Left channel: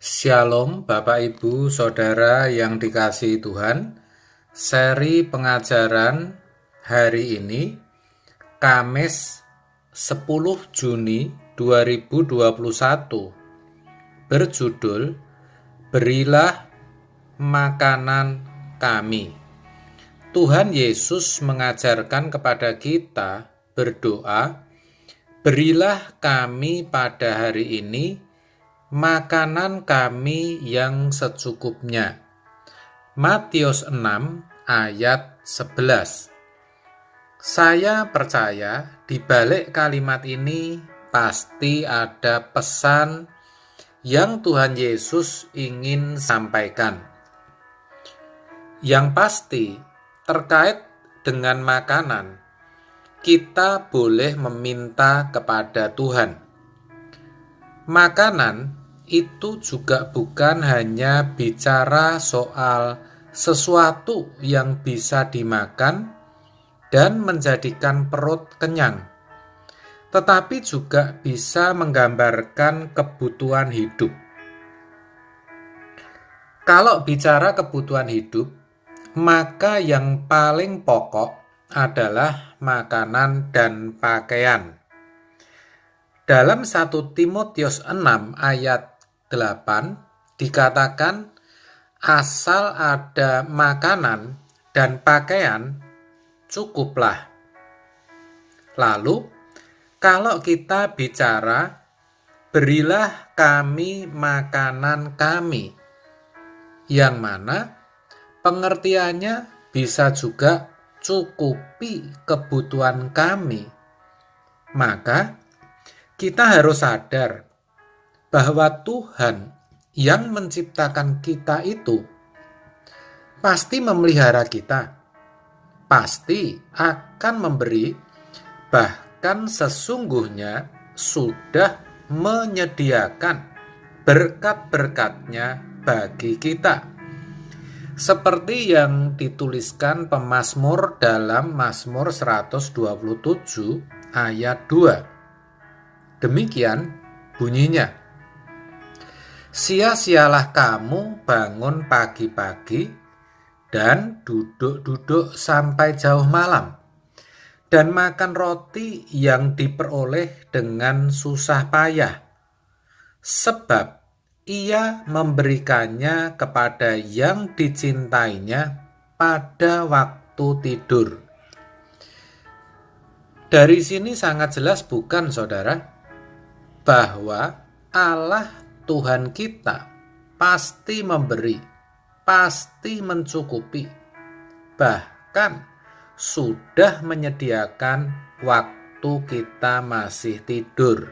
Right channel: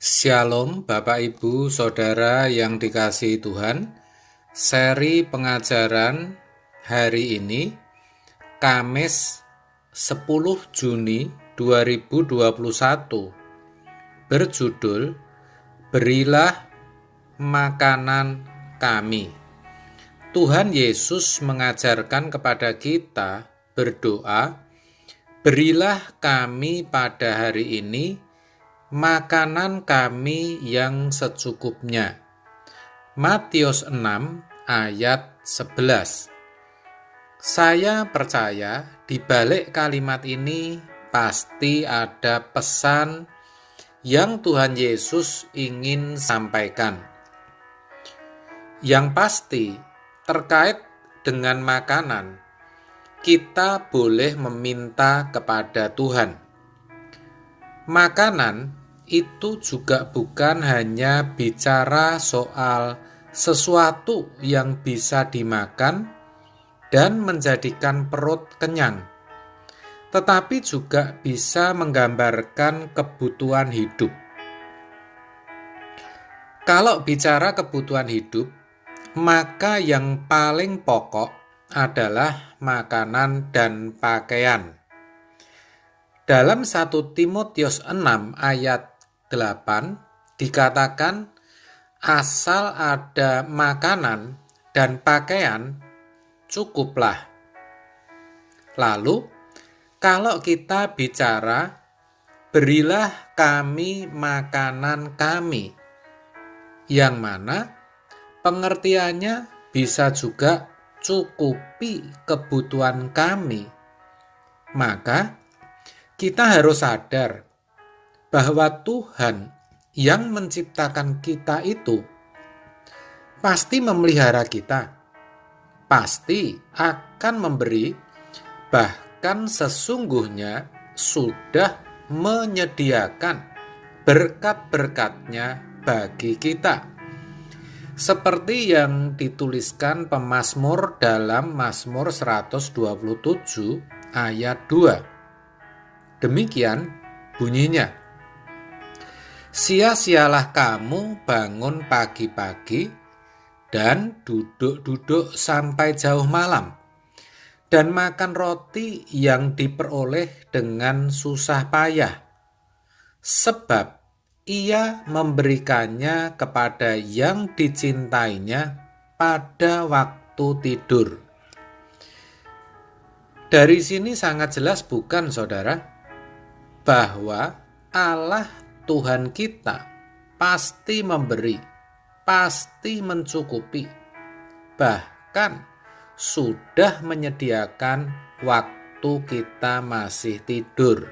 Shalom Bapak Ibu Saudara yang dikasihi Tuhan. Seri pengajaran hari ini Kamis 10 Juni 2021 berjudul Berilah Makanan Kami. Tuhan Yesus mengajarkan kepada kita berdoa, berilah kami pada hari ini makanan kami yang secukupnya. Matius 6 ayat 11. Saya percaya di balik kalimat ini pasti ada pesan yang Tuhan Yesus ingin sampaikan. Yang pasti terkait dengan makanan, kita boleh meminta kepada Tuhan. Makanan itu juga bukan hanya bicara soal sesuatu yang bisa dimakan dan menjadikan perut kenyang, tetapi juga bisa menggambarkan kebutuhan hidup. Kalau bicara kebutuhan hidup, maka yang paling pokok adalah makanan dan pakaian. Dalam 1 Timotius 6 ayat 8 dikatakan, asal ada makanan dan pakaian cukuplah. Lalu, kalau kita bicara berilah kami makanan kami, yang mana pengertiannya bisa juga cukupi kebutuhan kami, maka kita harus sadar bahwa Tuhan yang menciptakan kita itu pasti memelihara kita, pasti akan memberi, bahkan sesungguhnya sudah menyediakan berkat-berkatnya bagi kita. Seperti yang dituliskan pemazmur dalam Mazmur 127 ayat 2. Demikian bunyinya. Sia-sialah kamu bangun pagi-pagi dan duduk-duduk sampai jauh malam, dan makan roti yang diperoleh dengan susah payah, sebab ia memberikannya kepada yang dicintainya pada waktu tidur. Dari sini sangat jelas bukan, saudara, bahwa Allah Tuhan kita pasti memberi, pasti mencukupi, bahkan sudah menyediakan waktu kita masih tidur.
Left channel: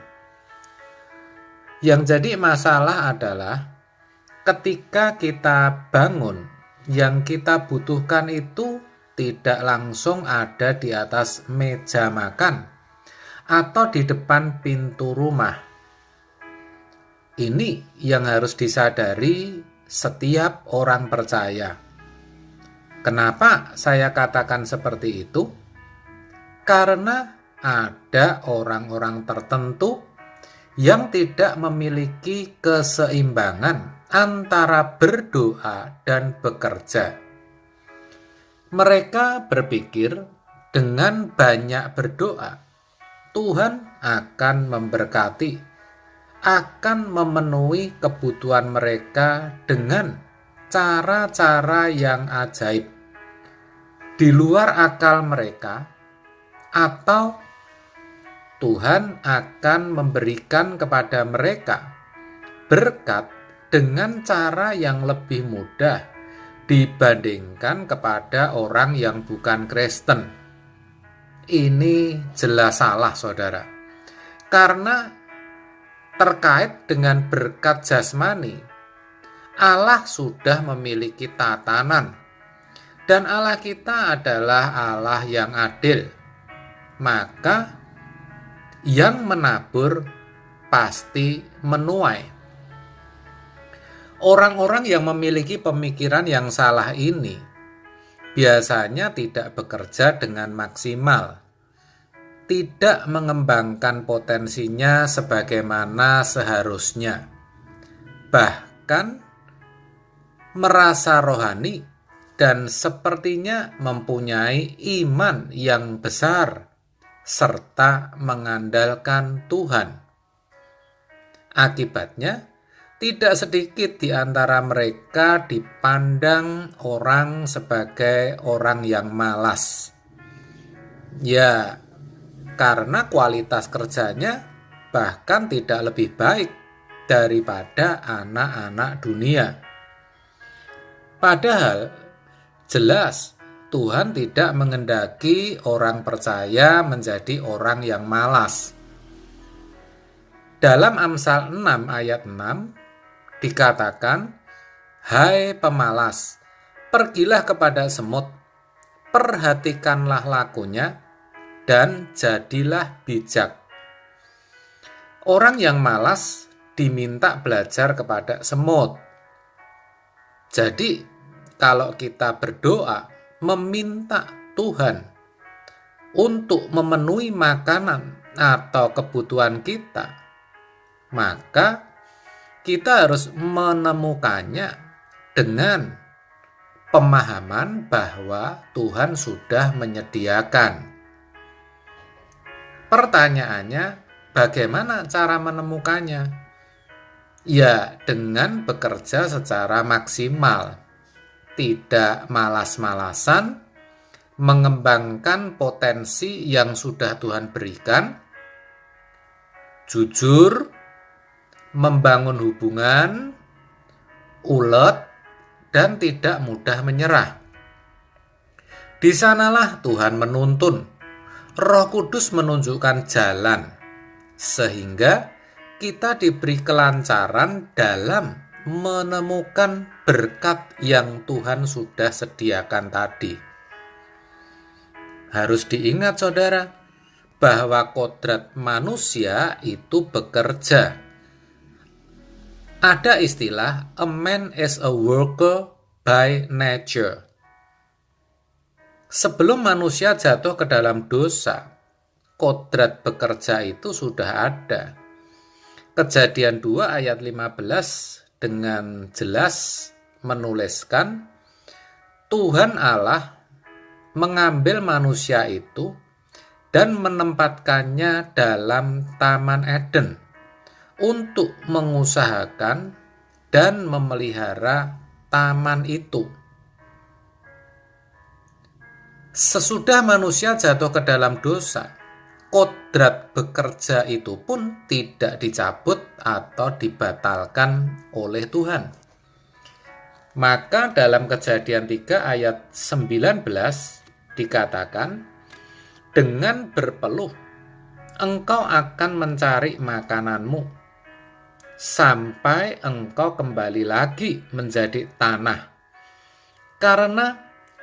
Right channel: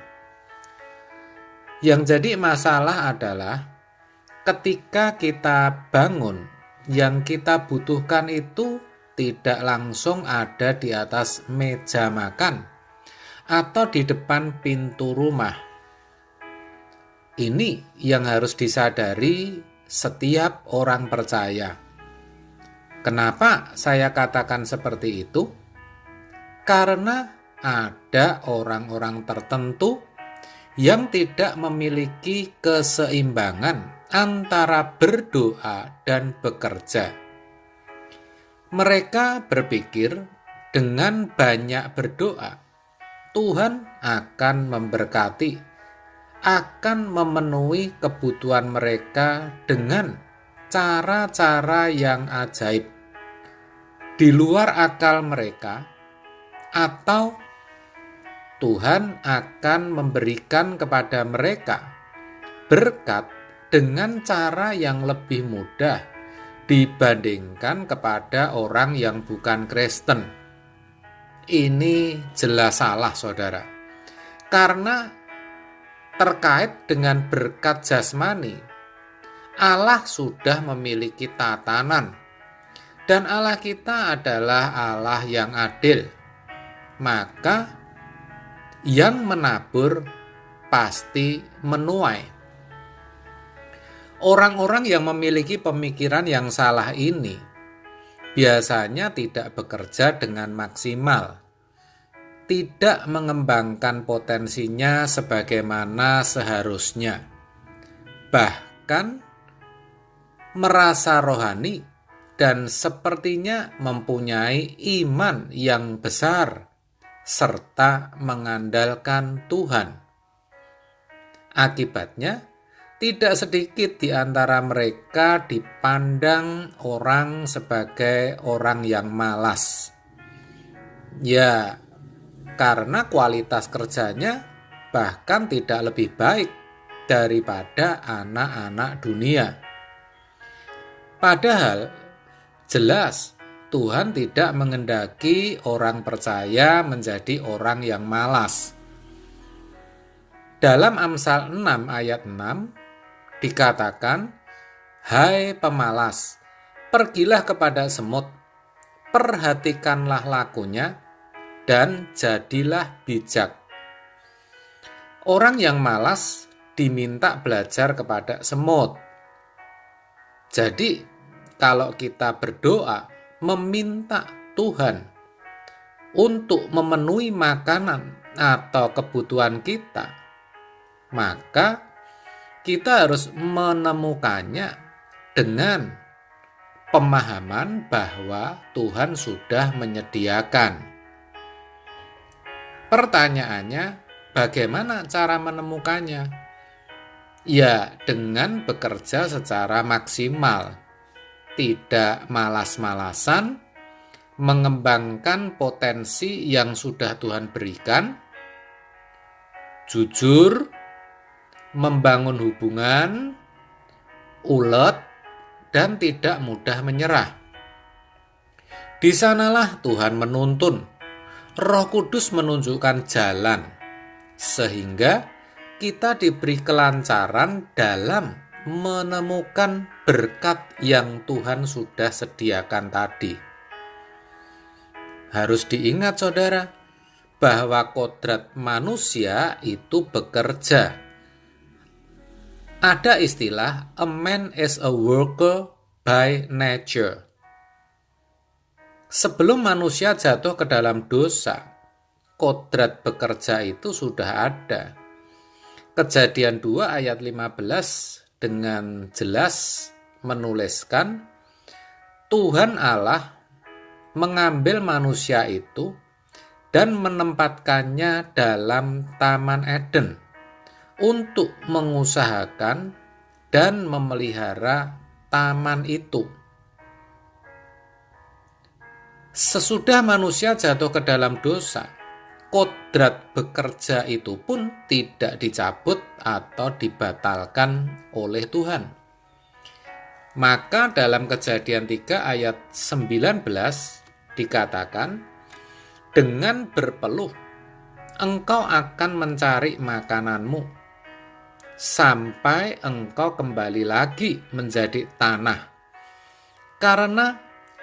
Yang jadi masalah adalah ketika kita bangun, yang kita butuhkan itu tidak langsung ada di atas meja makan atau di depan pintu rumah. Ini yang harus disadari setiap orang percaya. Kenapa saya katakan seperti itu? Karena ada orang-orang tertentu yang tidak memiliki keseimbangan antara berdoa dan bekerja. Mereka berpikir dengan banyak berdoa, Tuhan akan memberkati, akan memenuhi kebutuhan mereka dengan cara-cara yang ajaib di luar akal mereka, atau Tuhan akan memberikan kepada mereka berkat dengan cara yang lebih mudah dibandingkan kepada orang yang bukan Kristen. Ini jelas salah, saudara, karena terkait dengan berkat jasmani, Allah sudah memiliki tatanan, dan Allah kita adalah Allah yang adil. Maka yang menabur pasti menuai. Orang-orang yang memiliki pemikiran yang salah ini biasanya tidak bekerja dengan maksimal, tidak mengembangkan potensinya sebagaimana seharusnya. Bahkan bahkan merasa rohani dan sepertinya mempunyai iman yang besar serta mengandalkan Tuhan. Akibatnya, tidak sedikit di antara mereka dipandang orang sebagai orang yang malas. Ya, karena kualitas kerjanya bahkan tidak lebih baik daripada anak-anak dunia. Padahal jelas Tuhan tidak menghendaki orang percaya menjadi orang yang malas. Dalam Amsal 6 ayat 6 dikatakan, "Hai pemalas, pergilah kepada semut, perhatikanlah lakunya, dan jadilah bijak." Orang yang malas diminta belajar kepada semut. Jadi, kalau kita berdoa meminta Tuhan untuk memenuhi makanan atau kebutuhan kita, maka kita harus menemukannya dengan pemahaman bahwa Tuhan sudah menyediakan. Pertanyaannya, bagaimana cara menemukannya? Ya, dengan bekerja secara maksimal, tidak malas-malasan, mengembangkan potensi yang sudah Tuhan berikan, jujur, membangun hubungan, ulet, dan tidak mudah menyerah. Di sanalah Tuhan menuntun, Roh Kudus menunjukkan jalan, sehingga kita diberi kelancaran dalam menemukan berkat yang Tuhan sudah sediakan tadi. Harus diingat saudara, bahwa kodrat manusia itu bekerja. Ada istilah a man is a worker by nature. Sebelum manusia jatuh ke dalam dosa, kodrat bekerja itu sudah ada. Kejadian 2 ayat 15 dengan jelas menuliskan, Tuhan Allah mengambil manusia itu dan menempatkannya dalam Taman Eden untuk mengusahakan dan memelihara taman itu. Sesudah manusia jatuh ke dalam dosa, kodrat bekerja itu pun tidak dicabut atau dibatalkan oleh Tuhan. Maka dalam Kejadian 3 ayat 19 dikatakan, dengan berpeluh engkau akan mencari makananmu sampai engkau kembali lagi menjadi tanah, karena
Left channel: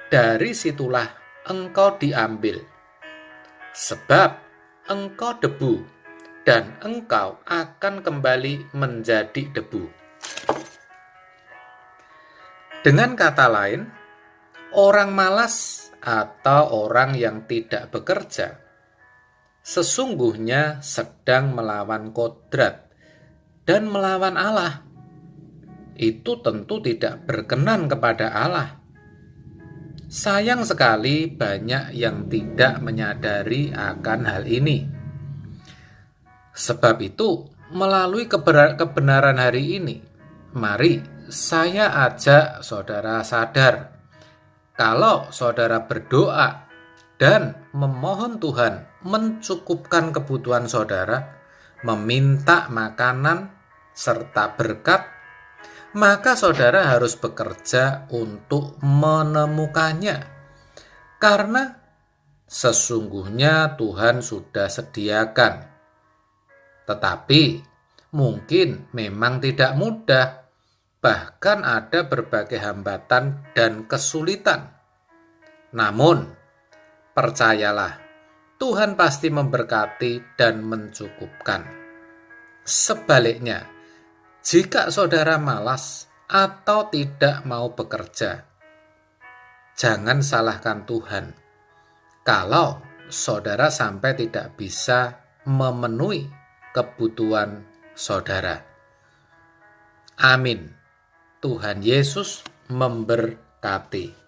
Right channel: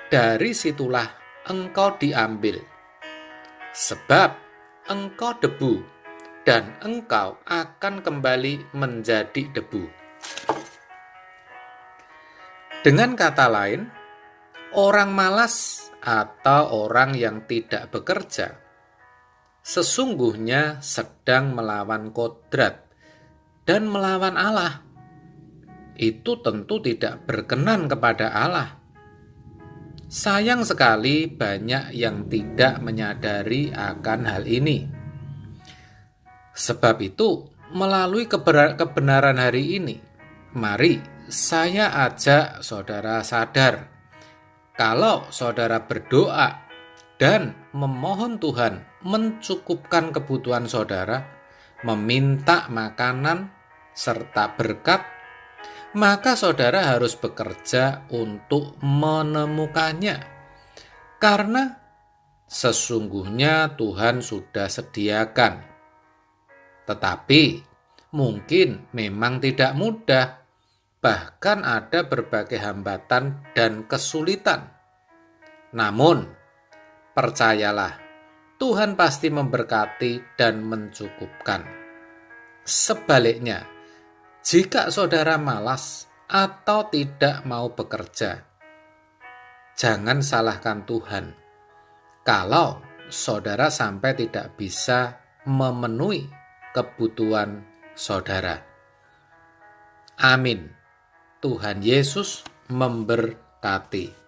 dari situlah engkau diambil, sebab engkau debu dan engkau akan kembali menjadi debu. Dengan kata lain, orang malas atau orang yang tidak bekerja sesungguhnya sedang melawan kodrat dan melawan Allah. Itu tentu tidak berkenan kepada Allah. Sayang sekali banyak yang tidak menyadari akan hal ini. Sebab itu, melalui kebenaran hari ini, mari saya ajak saudara sadar, kalau saudara berdoa dan memohon Tuhan mencukupkan kebutuhan saudara, meminta makanan serta berkat, maka saudara harus bekerja untuk menemukannya, karena sesungguhnya Tuhan sudah sediakan. Tetapi mungkin memang tidak mudah, bahkan ada berbagai hambatan dan kesulitan. Namun, percayalah, Tuhan pasti memberkati dan mencukupkan. Sebaliknya, jika saudara malas atau tidak mau bekerja, jangan salahkan Tuhan kalau saudara sampai tidak bisa memenuhi kebutuhan saudara. Amin. Tuhan Yesus memberkati.